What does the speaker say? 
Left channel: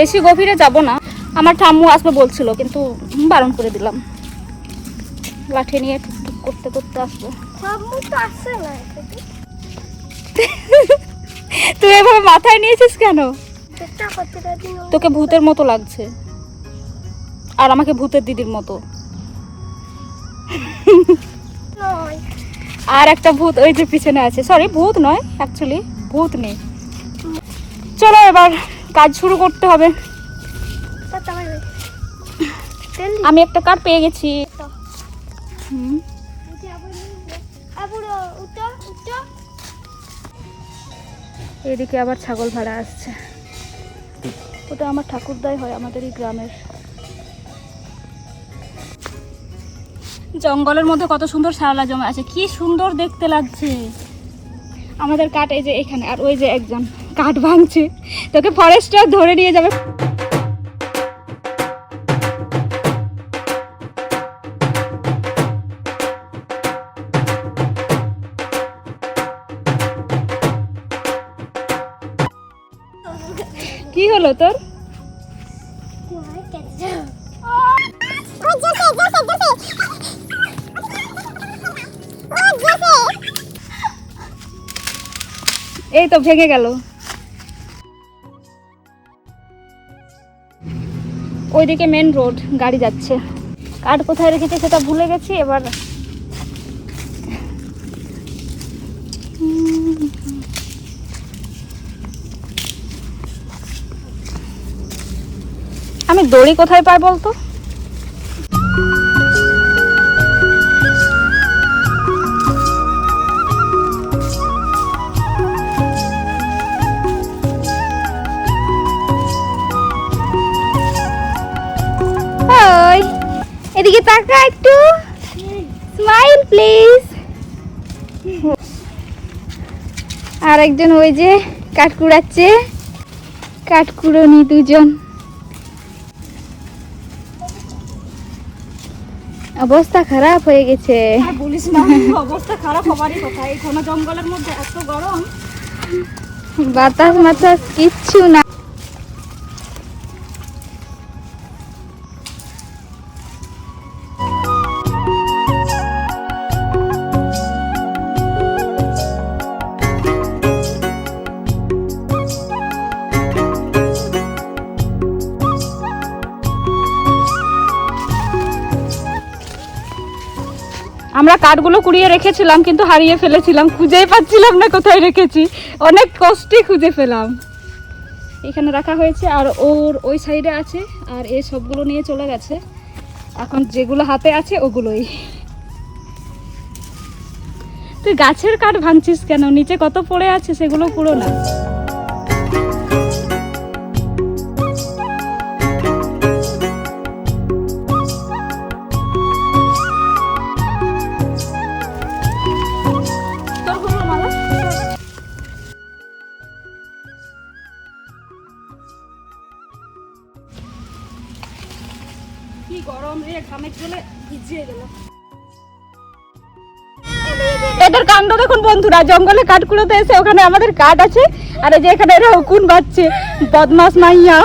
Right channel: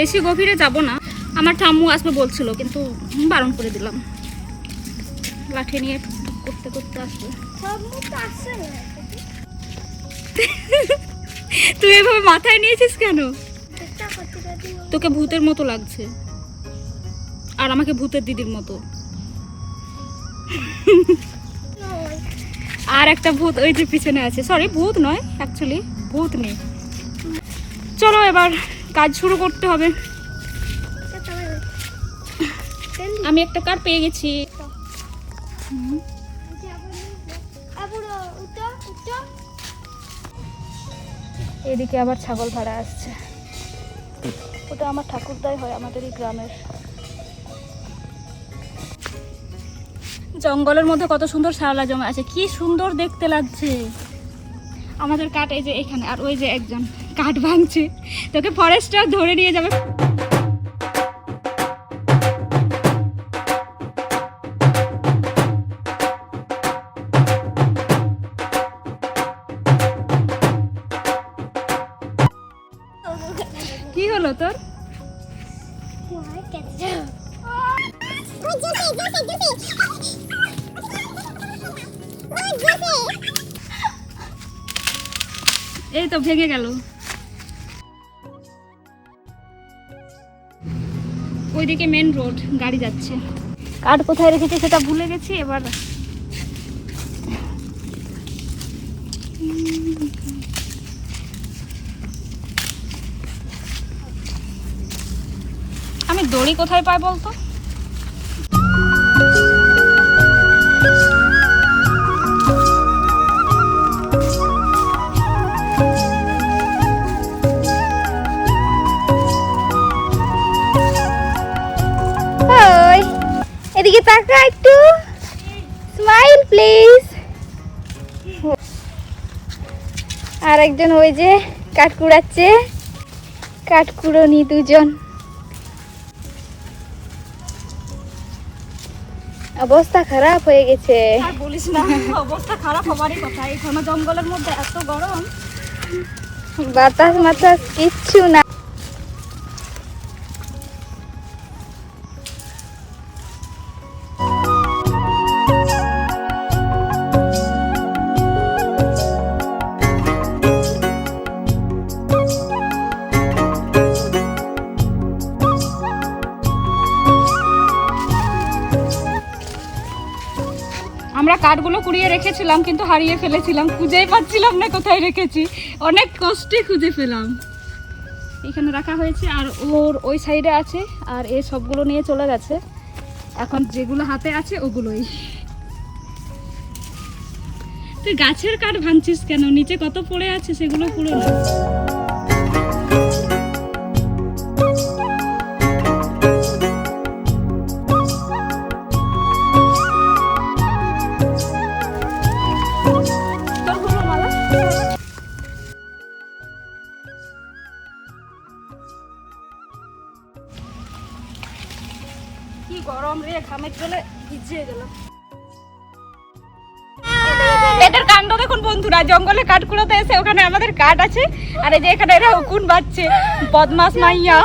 বেশি গভীরে যাব না। আমার ঠাম্মু আসবে বলছিল কিন্তু বারণ করে দিলাম। লাঠি নিয়ে টুকটুক করতে করতে আসব তুই এভাবে মাথায় নিয়েছিস কেন? তোকে ভূতের মতো লাগছে। আর আমাকে ভূতের দিদির মতো। আর একটা ভূত ওই যে পিছনে আছে। সরি ভূত নয় অ্যাকচুয়ালি ভূত নেই। চলো এবার কাজ শুরু করতে হবে। আমি একটা কার পেয়ে গেছি। এদিকে আবার ছাগল ভাড়া আসছে। ওটা আমার ঠাকুরদাই হয় আমাদের এই গ্রামের। জঙ্গলের মধ্যে কত সুন্দর শাওলা জমা আছে কি সুন্দর দেখতে লাগছে। আমাদের কাঠ এই যে এখানে, আর ওই যে একজন কাঠ ভাঙছে। তোকে ফরেস্টার ধরে নিয়ে যাবে। কি হলো তোর? এই তো ভেঙে গেল। ওইদিকে মেন রোড গাড়ি যাচ্ছে। কাঠ কোথায় রেখেছি সেটা ভুলে গেছি, এবার আমি দড়ি কোথায় পাই বলতো? আর একজন ওই যে কাঠ কুড়াচ্ছে। কাঠ কুড়োনি দুজন। অবস্থা খারাপ হয়ে গেছে। আর বলিস না অবস্থা খারাপ হবারই কথা। এই ঘন জঙ্গলের মধ্যে এত গরম। বাতাস মাতাস কিচ্ছু না আমরা কাঠগুলো কুড়িয়ে রেখেছিলাম, কিন্তু হারিয়ে ফেলেছিলাম। খুঁজেই পাচ্ছিলাম না কোথায় রেখেছি। অনেক কষ্টে খুঁজে পেলাম। এখানে রাখা হয়েছে, আর ওর ওই সাইডে আছে, আর এই সবগুলো নিয়ে চলে গেছে। এখন যেগুলো হাতে আছে, ওগুলোই। তুই গাছের কাঠ ভাঙছিস কেন? নিচে কত পড়ে আছে সেগুলো পুরো না। কি গরম রে ঘামের জলে ভিজিয়ে গেল এদের কাণ্ড দেখুন বন্ধুরা জঙ্গলে কাঠ কুড়োতে এসে ওখানে আমাদের কাঠ আছে আর এই যে এখানে এরা হুকুন বাজছে বদমাস মাইয়া।